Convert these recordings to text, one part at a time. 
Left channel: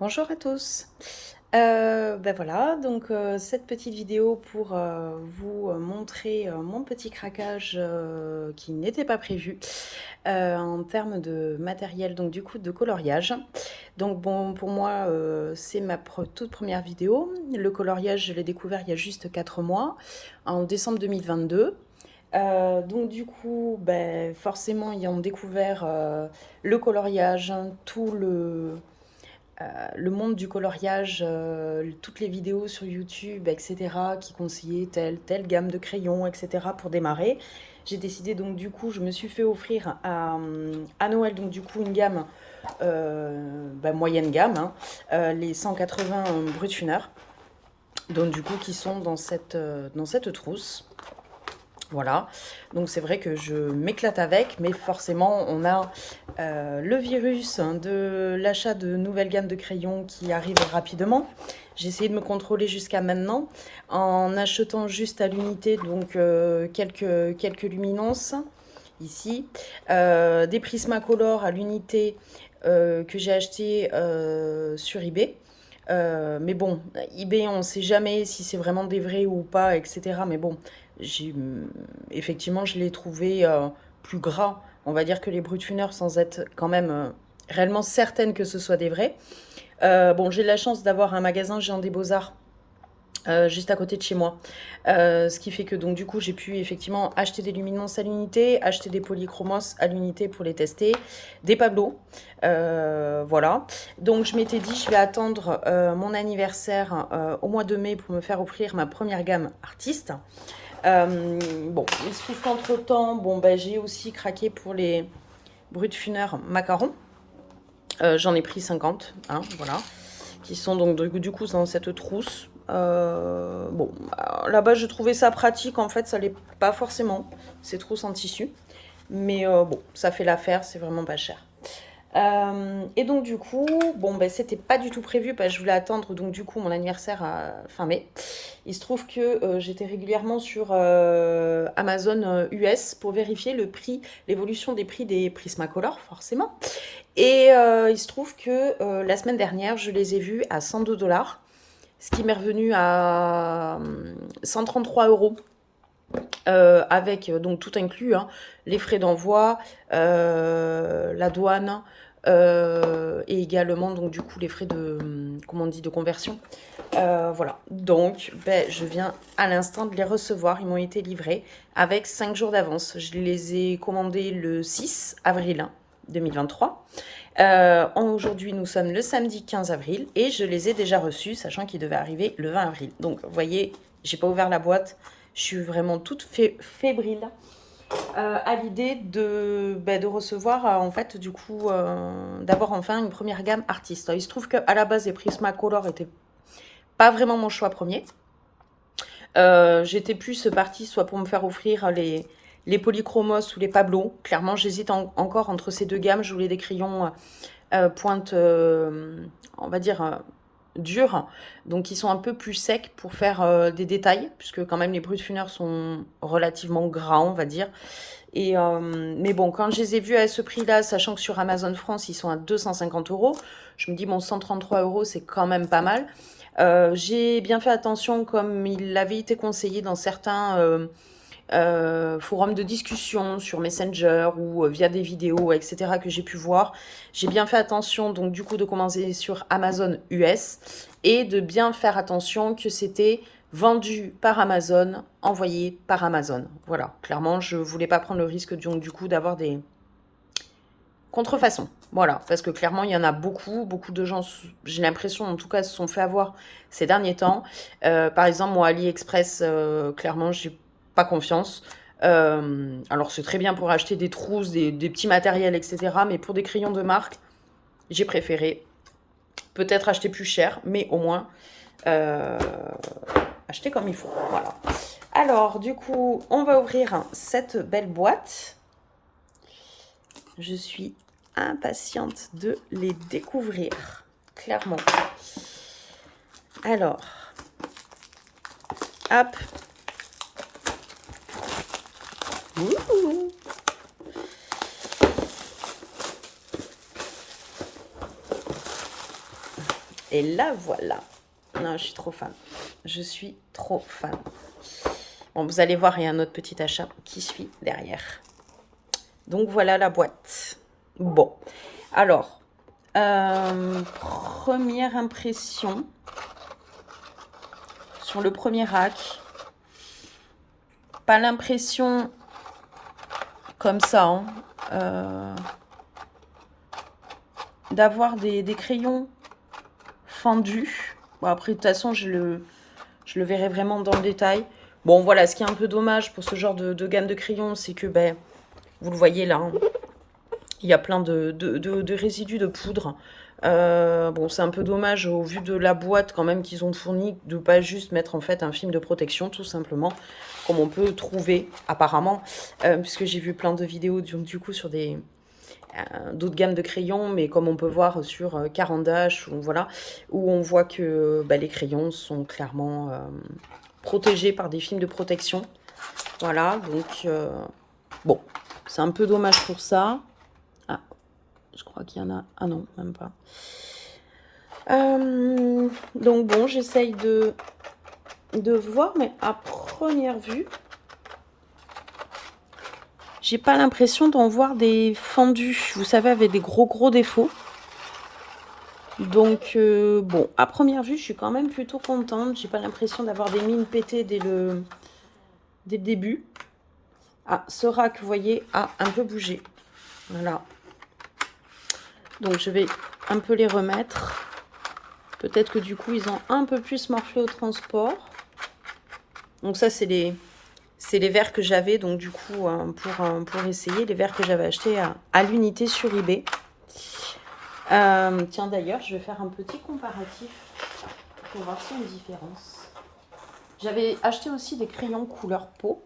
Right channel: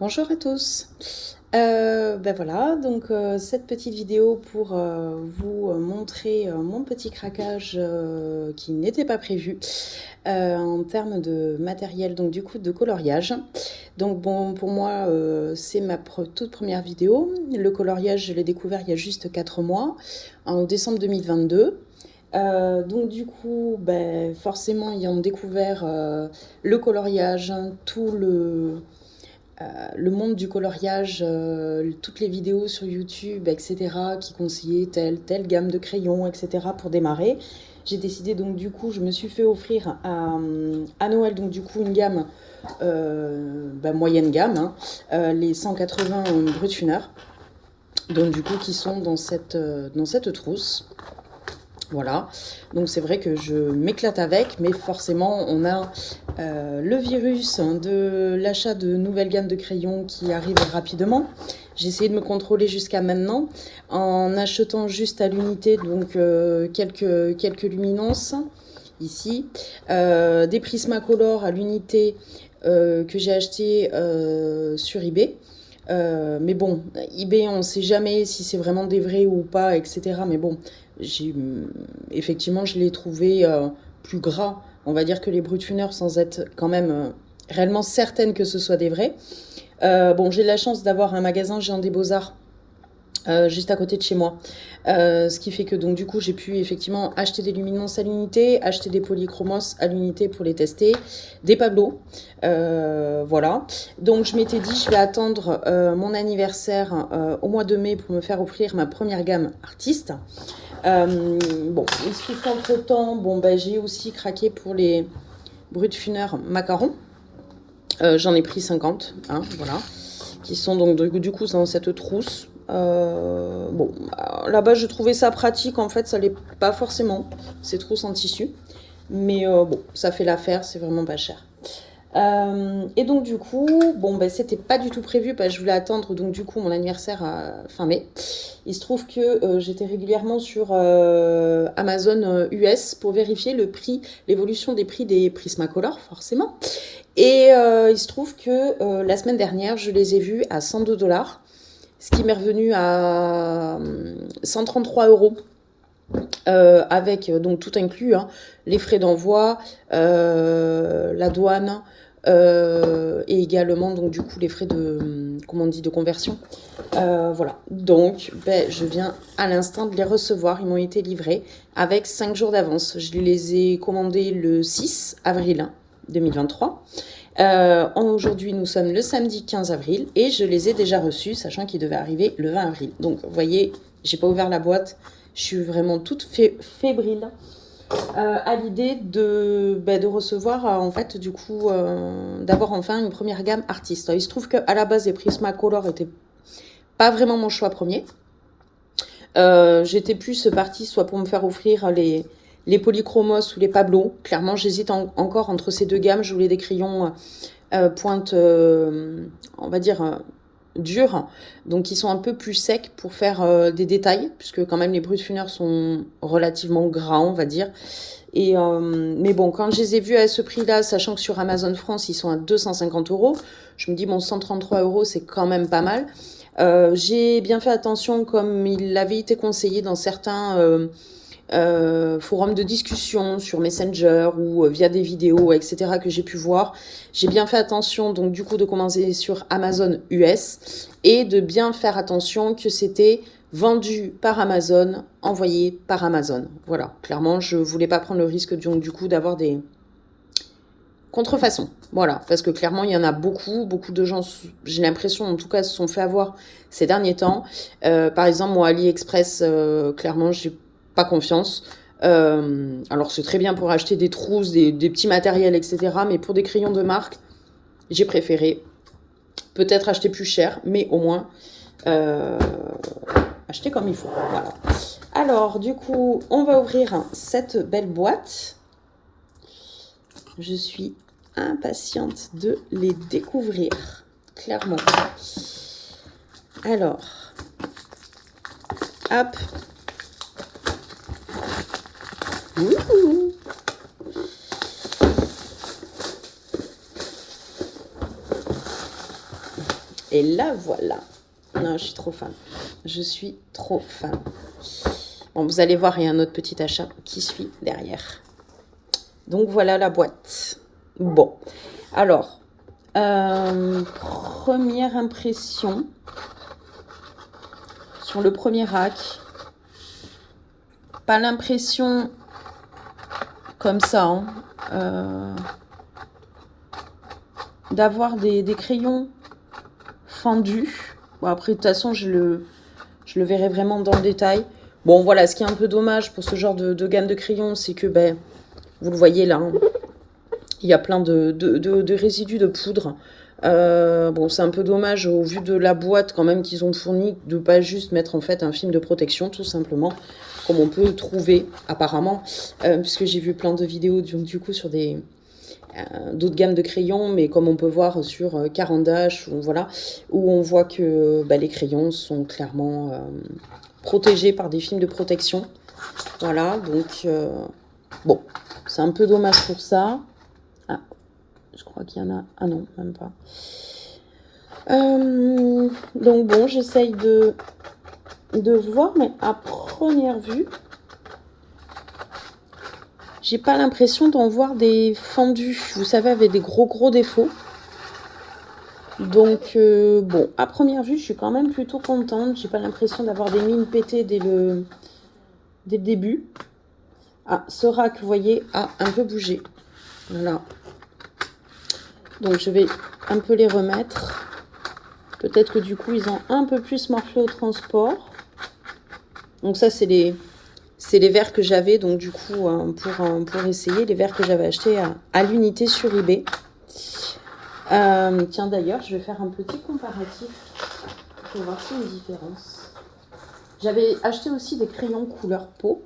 Bonjour à tous. Ben voilà, donc cette petite vidéo pour vous montrer mon petit craquage qui n'était pas prévu en termes de matériel, donc du coup de coloriage. Donc bon, pour moi, c'est ma toute première vidéo. Le coloriage, je l'ai découvert il y a juste 4 mois, en décembre 2022. Donc du coup, ben, forcément, ayant découvert le coloriage, tout le monde du coloriage, toutes les vidéos sur YouTube, etc., qui conseillaient telle gamme de crayons, etc., pour démarrer. J'ai décidé donc du coup, je me suis fait offrir à Noël, donc du coup, une gamme moyenne gamme, hein, les 180 Brutfuner, donc du coup, qui sont dans cette trousse. Voilà, donc c'est vrai que je m'éclate avec, mais forcément on a le virus de l'achat de nouvelles gammes de crayons qui arrive rapidement. J'ai essayé de me contrôler jusqu'à maintenant en achetant juste à l'unité, donc quelques luminances ici, des Prismacolor à l'unité que j'ai acheté sur eBay. Mais bon, eBay, on ne sait jamais si c'est vraiment des vrais ou pas, etc. Mais bon, effectivement, je l'ai trouvé plus gras, on va dire, que les Brutfuner, sans être quand même réellement certaine que ce soit des vrais. Bon, j'ai la chance d'avoir un magasin Géant des Beaux-Arts juste à côté de chez moi. Ce qui fait que donc du coup j'ai pu effectivement acheter des luminances à l'unité, acheter des polychromos à l'unité pour les tester, des Pablo, voilà. Donc je m'étais dit je vais attendre mon anniversaire au mois de mai pour me faire offrir ma première gamme artiste. Bon, il se trouve qu'entre temps, bon, ben, j'ai aussi craqué pour les Brutfuner macarons. J'en ai pris 50, hein, voilà, qui sont donc du coup dans cette trousse. Bon, là-bas je trouvais ça pratique, en fait ça l'est pas forcément, ces trousses en tissu, mais bon, ça fait l'affaire, c'est vraiment pas cher. Et donc du coup, bon ben c'était pas du tout prévu parce que je voulais attendre donc du coup mon anniversaire à fin mai. Il se trouve que j'étais régulièrement sur Amazon US pour vérifier le prix, l'évolution des prix des Prismacolor forcément. Et il se trouve que la semaine dernière je les ai vus à 102 $, ce qui m'est revenu à 133 €. Avec donc tout inclus, hein, les frais d'envoi, la douane et également donc du coup les frais de, comment on dit, de conversion. Voilà, donc ben, je viens à l'instant de les recevoir, ils m'ont été livrés avec 5 jours d'avance. Je les ai commandés le 6 avril 2023. Aujourd'hui, nous sommes le samedi 15 avril et je les ai déjà reçus, sachant qu'ils devaient arriver le 20 avril. Donc, vous voyez, j'ai pas ouvert la boîte. Je suis vraiment toute fébrile à l'idée de recevoir, en fait, du coup, d'avoir enfin une première gamme artiste. Il se trouve qu'à la base, les Prismacolor étaient pas vraiment mon choix premier. J'étais plus partie soit pour me faire offrir les Polychromos ou les Pablo. Clairement, j'hésite encore entre ces deux gammes. Je voulais des crayons pointe, on va dire, durs, donc qui sont un peu plus secs pour faire des détails, puisque quand même les Brutfuner sont relativement gras, on va dire. Et, mais bon, quand je les ai vus à ce prix-là, sachant que sur Amazon France, ils sont à 250 €, je me dis, bon, 133 €, c'est quand même pas mal. J'ai bien fait attention, comme il avait été conseillé dans certains forums de discussion sur Messenger ou via des vidéos, etc., que j'ai pu voir. J'ai bien fait attention, donc du coup, de commencer sur Amazon US et de bien faire attention que c'était vendu par Amazon, envoyé par Amazon. Voilà, clairement, je voulais pas prendre le risque donc, du coup d'avoir des contrefaçons. Voilà, parce que clairement, il y en a beaucoup de gens, j'ai l'impression, en tout cas, se sont fait avoir ces derniers temps. Par exemple, moi, AliExpress, clairement, j'ai pas confiance. Alors, c'est très bien pour acheter des trousses, des petits matériels, etc. Mais pour des crayons de marque, j'ai préféré peut-être acheter plus cher, mais au moins acheter comme il faut. Voilà. Alors, du coup, on va ouvrir cette belle boîte. Je suis impatiente de les découvrir, clairement. Alors, hop. Ouh. Et là, voilà. Non, je suis trop fan. Je suis trop fan. Bon, vous allez voir, il y a un autre petit achat qui suit derrière. Donc, voilà la boîte. Bon. Alors, première impression sur le premier rack. Pas l'impression comme ça, hein, d'avoir des crayons fendus. Bon, après, de toute façon, je le verrai vraiment dans le détail. Bon, voilà, ce qui est un peu dommage pour ce genre de gamme de crayons, c'est que, ben, vous le voyez là, hein, il y a plein de résidus de poudre. Bon, c'est un peu dommage au vu de la boîte quand même qu'ils ont fourni de pas juste mettre en fait un film de protection tout simplement, comme on peut trouver apparemment, puisque j'ai vu plein de vidéos du coup sur d'autres gammes de crayons, mais comme on peut voir sur Caran-d'Ache, voilà, où on voit que les crayons sont clairement protégés par des films de protection. Voilà, donc bon, c'est un peu dommage pour ça. Ah, je crois qu'il y en a... Ah non, même pas. Donc bon, j'essaye de voir, mais à première vue, j'ai pas l'impression d'en voir des fendus, vous savez, avec des gros défauts. Donc bon, à première vue, je suis quand même plutôt contente. J'ai pas l'impression d'avoir des mines pétées dès le début. Ah, ce rack, vous voyez, a un peu bougé. Voilà. Donc je vais un peu les remettre. Peut-être que du coup, ils ont un peu plus morflé au transport. Donc ça, c'est les verres que j'avais, donc du coup, pour essayer, les verres que j'avais achetés à l'unité sur eBay. Tiens, d'ailleurs, je vais faire un petit comparatif pour voir s'il y a une différence. J'avais acheté aussi des crayons couleur peau.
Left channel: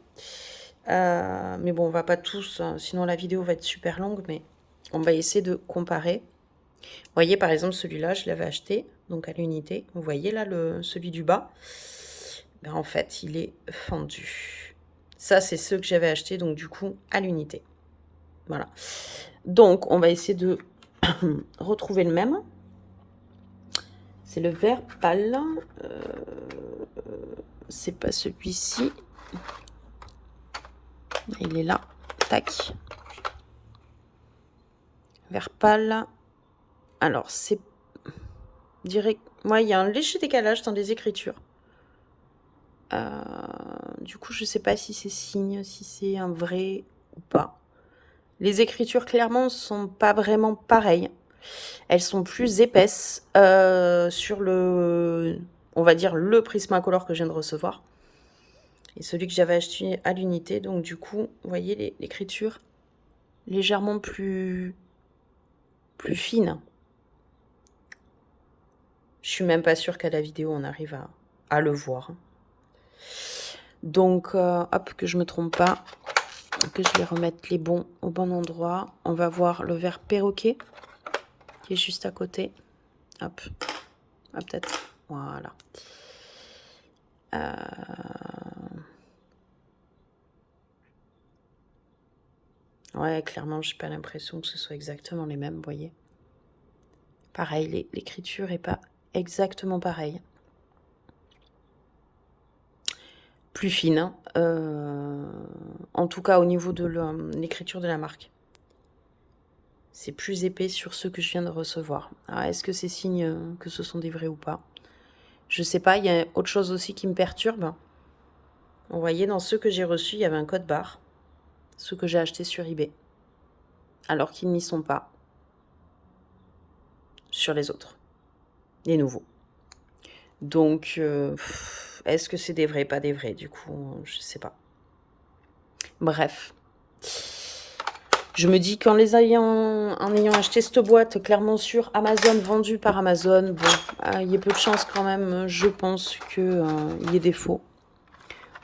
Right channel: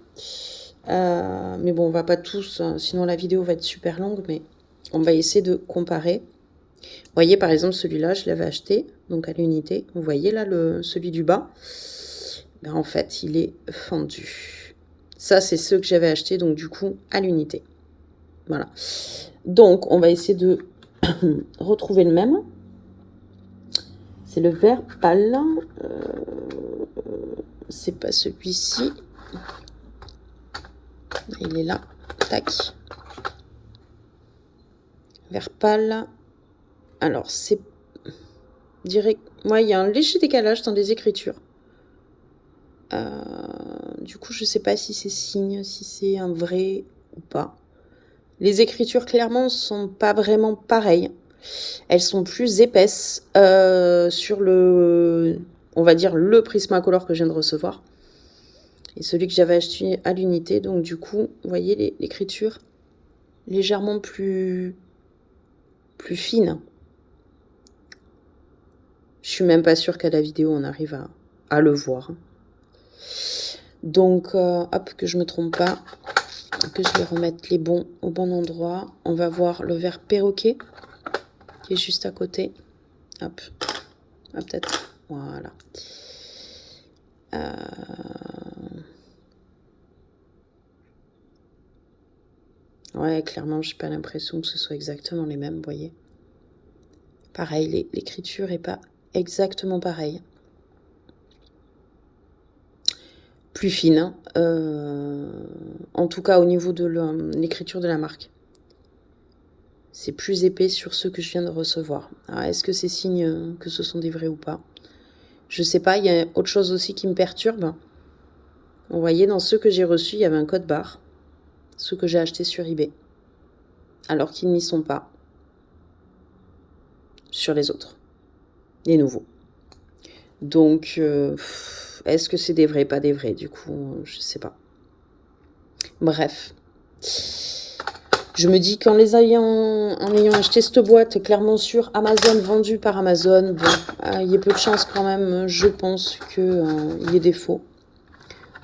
Mais bon, on va pas tous, sinon la vidéo va être super longue, mais on va essayer de comparer. Vous voyez, par exemple, celui-là, je l'avais acheté, donc à l'unité. Vous voyez là, celui du bas, ben, en fait, il est fendu. Ça, c'est ceux que j'avais acheté, donc du coup, à l'unité. Voilà. Donc, on va essayer de retrouver le même. C'est le vert pâle. C'est pas celui-ci. Il est là. Tac. Vert pâle. Alors, c'est... Je dirais... Moi, il y a un léger décalage dans les écritures. Du coup, je sais pas si c'est signe, si c'est un vrai ou pas. Les écritures, clairement, sont pas vraiment pareilles. Elles sont plus épaisses sur le... On va dire le Prismacolor que je viens de recevoir. Et celui que j'avais acheté à l'unité. Donc, du coup, vous voyez l'écriture légèrement plus fine. Je suis même pas sûre qu'à la vidéo, on arrive à le voir. Donc, hop, que je me trompe pas. Que je vais remettre les bons au bon endroit. On va voir le vert perroquet qui est juste à côté. Hop. Ah, peut-être. Voilà. Ouais, clairement, j'ai pas l'impression que ce soit exactement les mêmes, vous voyez. Pareil, l'écriture est pas exactement pareille. Plus fine, hein, en tout cas au niveau de l'écriture de la marque. C'est plus épais sur ceux que je viens de recevoir. Alors, est-ce que c'est signe que ce sont des vrais ou pas? Je sais pas, il y a autre chose aussi qui me perturbe. Vous voyez, dans ceux que j'ai reçus, il y avait un code barre. Ceux que j'ai achetés sur eBay. Alors qu'ils n'y sont pas. Sur les autres. Les nouveaux. Donc, est-ce que c'est des vrais, pas des vrais? Du coup, je sais pas. Bref. Je me dis qu'en ayant acheté cette boîte clairement sur Amazon, vendue par Amazon, bon, il y a peu de chance quand même, je pense qu'il y ait des faux.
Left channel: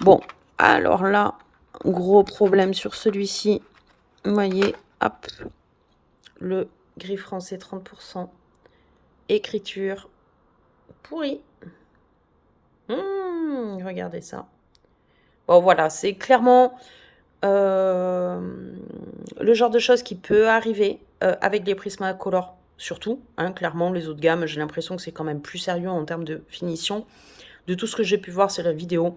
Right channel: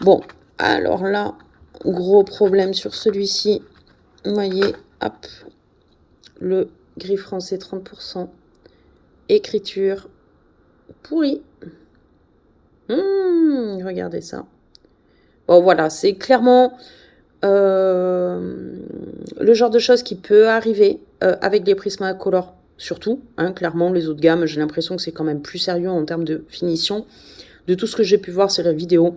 Bon, alors là, gros problème sur celui-ci. Vous voyez, hop, le gris français 30%, écriture pourrie. Regardez ça. Bon, voilà, c'est clairement le genre de choses qui peut arriver avec les Prismacolor surtout. Hein, clairement, les autres gammes, j'ai l'impression que c'est quand même plus sérieux en termes de finition. De tout ce que j'ai pu voir sur la vidéo,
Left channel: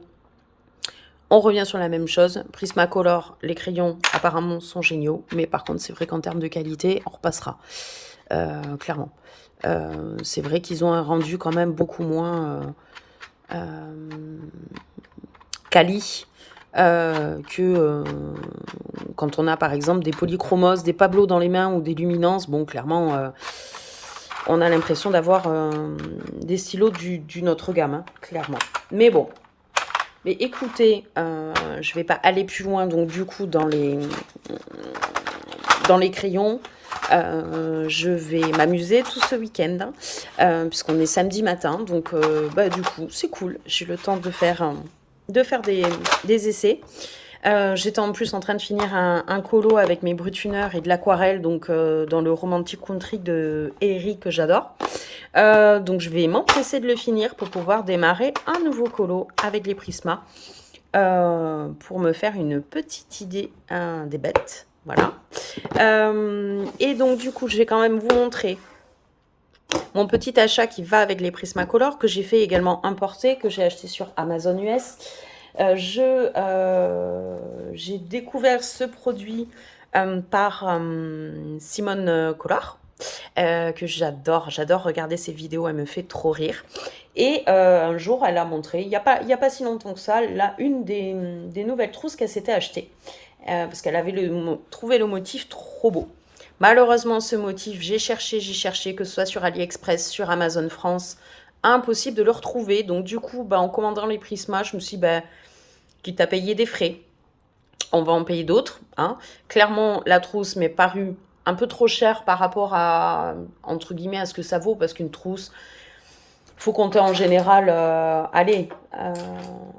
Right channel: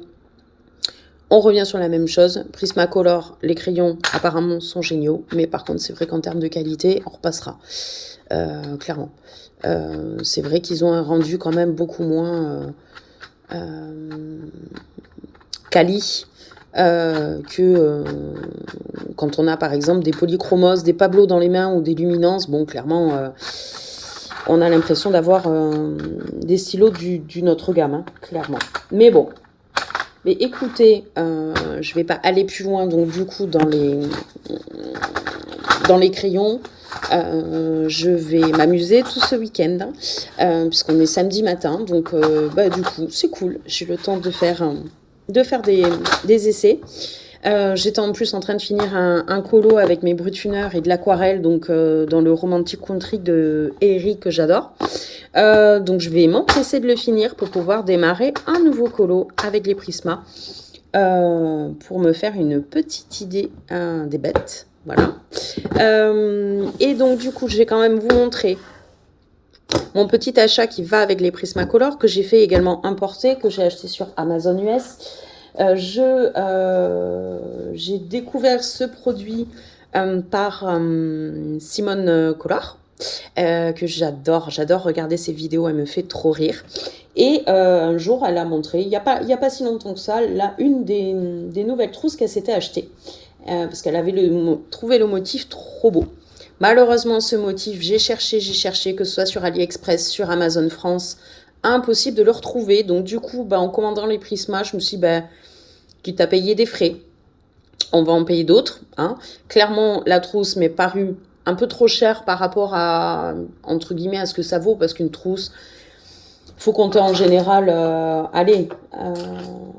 on revient sur la même chose. Prismacolor, les crayons apparemment sont géniaux. Mais par contre, c'est vrai qu'en termes de qualité, on repassera. Clairement. C'est vrai qu'ils ont un rendu quand même beaucoup moins quali que quand on a par exemple des polychromos, des Pablo dans les mains ou des luminances. Bon, clairement, on a l'impression d'avoir des stylos d'une autre gamme, hein, clairement. Mais bon. Mais écoutez, je vais pas aller plus loin, donc du coup, dans les crayons, je vais m'amuser tout ce week-end, puisqu'on est samedi matin, donc du coup, c'est cool. J'ai le temps de faire des essais. J'étais en plus en train de finir un colo avec mes brutuneurs et de l'aquarelle, donc dans le Romantic Country de Eric que j'adore. Donc je vais m'empresser de le finir pour pouvoir démarrer un nouveau colo avec les Prisma pour me faire une petite idée des bêtes. Voilà. Et donc du coup, je vais quand même vous montrer mon petit achat qui va avec les Prismacolor que j'ai fait également importer, que j'ai acheté sur Amazon US. J'ai découvert ce produit par Simone Collard, que j'adore regarder ses vidéos, elle me fait trop rire. Et un jour, elle a montré, il n'y a pas si longtemps que ça, là, une des nouvelles trousses qu'elle s'était achetée, parce qu'elle avait trouvé le motif trop beau. Malheureusement, ce motif, j'ai cherché, que ce soit sur AliExpress, sur Amazon France, impossible de le retrouver. Donc du coup, en commandant les Prisma, je me suis dit, quitte à payer des frais, on va en payer d'autres. Hein. Clairement, la trousse m'est parue un peu trop chère par rapport à, entre guillemets, à ce que ça vaut, parce qu'une trousse, faut compter en général,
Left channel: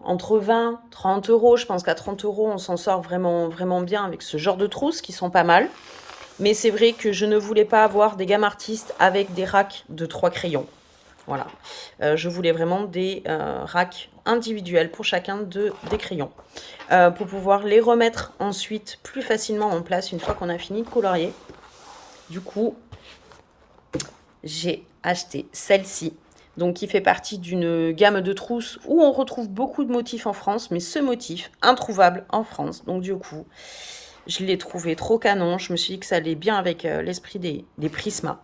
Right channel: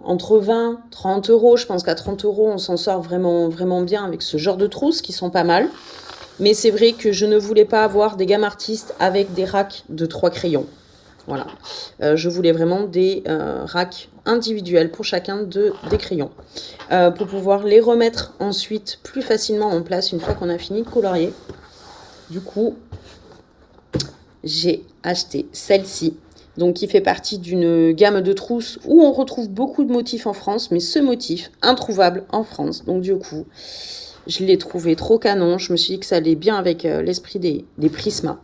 entre 20 30 euros. Je pense qu'à 30 euros, on s'en sort vraiment, vraiment bien avec ce genre de trousses qui sont pas mal. Mais c'est vrai que je ne voulais pas avoir des gammes artistes avec des racks de 3 crayons. Voilà. Je voulais vraiment des racks individuels pour chacun des crayons. Pour pouvoir les remettre ensuite plus facilement en place une fois qu'on a fini de colorier. Du coup, j'ai acheté celle-ci. Donc, qui fait partie d'une gamme de trousses où on retrouve beaucoup de motifs en France. Mais ce motif, introuvable en France. Donc, du coup, je l'ai trouvé trop canon. Je me suis dit que ça allait bien avec l'esprit des Prisma.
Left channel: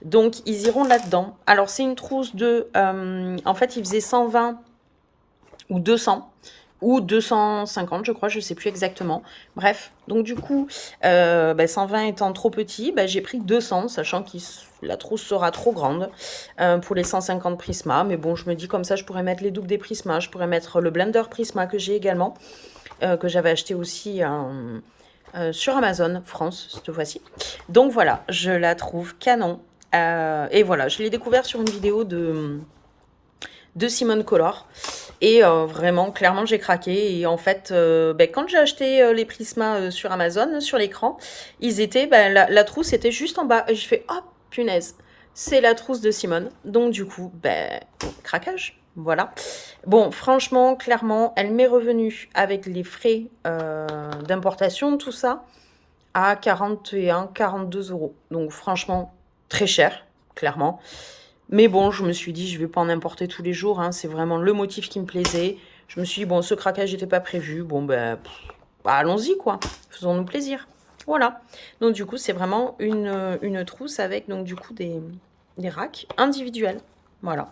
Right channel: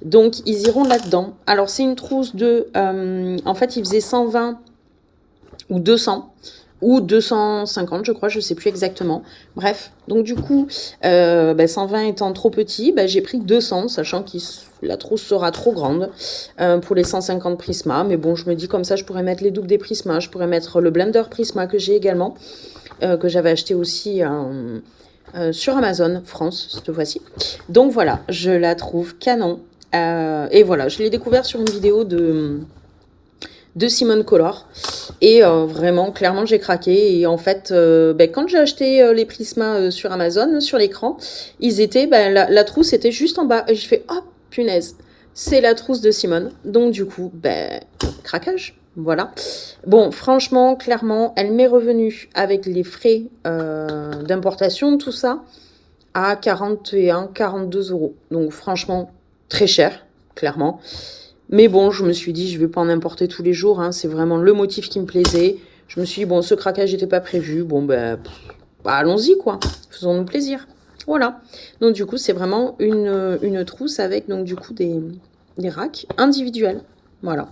Donc, ils iront là-dedans. Alors, c'est une trousse de... en fait, il faisait 120 ou 200 ou 250, je crois, je ne sais plus exactement. Bref, donc du coup, 120 étant trop petit, j'ai pris 200, sachant que la trousse sera trop grande pour les 150 Prisma. Mais bon, je me dis comme ça, je pourrais mettre les doubles des Prisma, je pourrais mettre le blender Prisma que j'ai également, que j'avais acheté aussi sur Amazon France, cette fois-ci. Donc voilà, je la trouve canon. Et voilà, je l'ai découvert sur une vidéo de Simone Collard. Et vraiment, clairement, j'ai craqué. Et en fait, quand j'ai acheté les Prisma sur Amazon, sur l'écran, ils étaient, la trousse était juste en bas. Et je fais, oh, punaise, c'est la trousse de Simone. Donc, du coup, craquage. Voilà. Bon, franchement, clairement, elle m'est revenue avec les frais d'importation, tout ça, à 41, 42 euros. Donc, franchement, très cher, clairement. Mais bon, je me suis dit, je ne vais pas en importer tous les jours. Hein, c'est vraiment le motif qui me plaisait. Je me suis dit, bon, ce craquage n'était pas prévu. Bon, allons-y, quoi. Faisons-nous plaisir. Voilà. Donc, du coup, c'est vraiment une trousse avec, donc, du coup, des racks individuels. Voilà.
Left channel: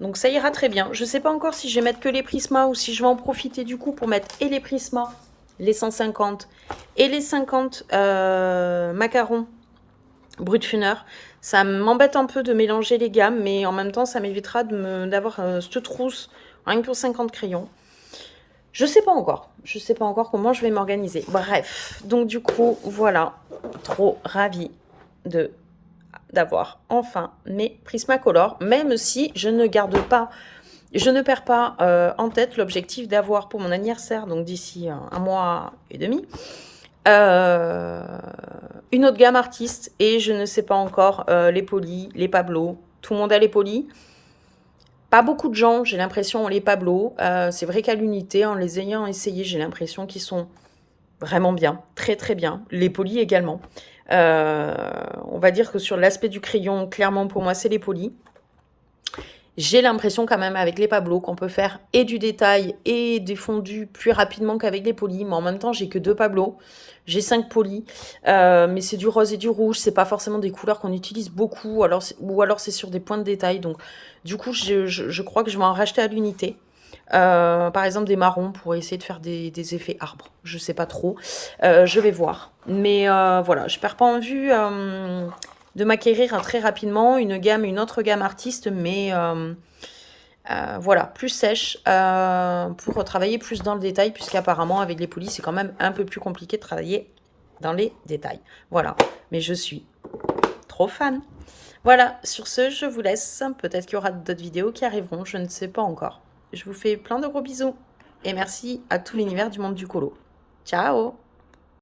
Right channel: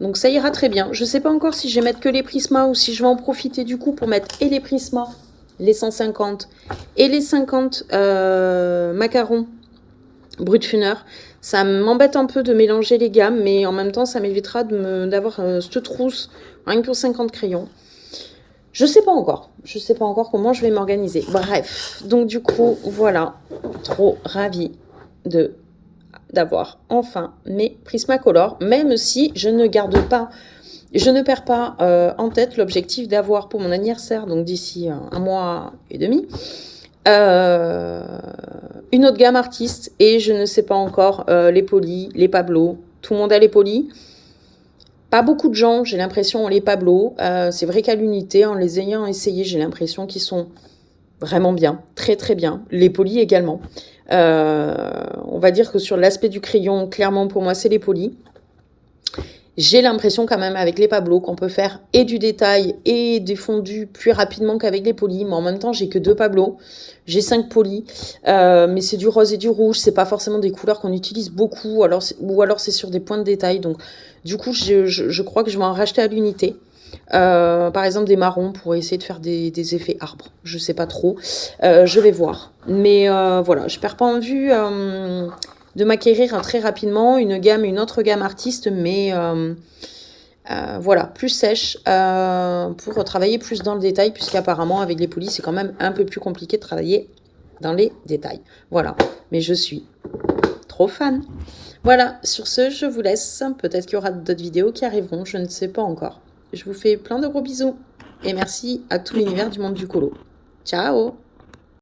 Donc, ça ira très bien. Je ne sais pas encore si je vais mettre que les Prisma ou si je vais en profiter, du coup, pour mettre et les Prisma, les 150 et les 50 macarons Brutfuner. Ça m'embête un peu de mélanger les gammes, mais en même temps, ça m'évitera d'avoir cette trousse rien que pour 50 crayons. Je sais pas encore. Je sais pas encore comment je vais m'organiser. Bref, donc du coup, voilà. Trop ravie d'avoir enfin mes Prismacolor, même si je ne garde pas, je ne perds pas en tête l'objectif d'avoir pour mon anniversaire, donc d'ici un mois et demi, une autre gamme artiste, et je ne sais pas encore les Poly, les Pablo. Tout le monde a les Poly. Pas beaucoup de gens, j'ai l'impression, ont les Pablo. C'est vrai qu'à l'unité, en les ayant essayés, j'ai l'impression qu'ils sont vraiment bien, très très bien. Les Poly également. On va dire que sur l'aspect du crayon, clairement pour moi, c'est les polis. J'ai l'impression quand même avec les Pablo qu'on peut faire et du détail et des fondus plus rapidement qu'avec les polis. Mais en même temps, j'ai que 2 Pablo. J'ai 5 polis. Mais c'est du rose et du rouge. C'est pas forcément des couleurs qu'on utilise beaucoup. Ou alors c'est sur des points de détail. Donc du coup, je crois que je vais en racheter à l'unité. Par exemple des marrons pour essayer de faire des effets arbres. Je sais pas trop. Je vais voir. Mais voilà, je perds pas en vue de m'acquérir très rapidement une autre gamme artiste, mais voilà, plus sèche pour travailler plus dans le détail, puisqu'apparemment avec les polis, c'est quand même un peu plus compliqué de travailler dans les détails. Voilà, mais je suis trop fan. Voilà, sur ce, je vous laisse. Peut-être qu'il y aura d'autres vidéos qui arriveront, je ne sais pas encore. Je vous fais plein de gros bisous et merci à tout l'univers du monde du colo. Ciao!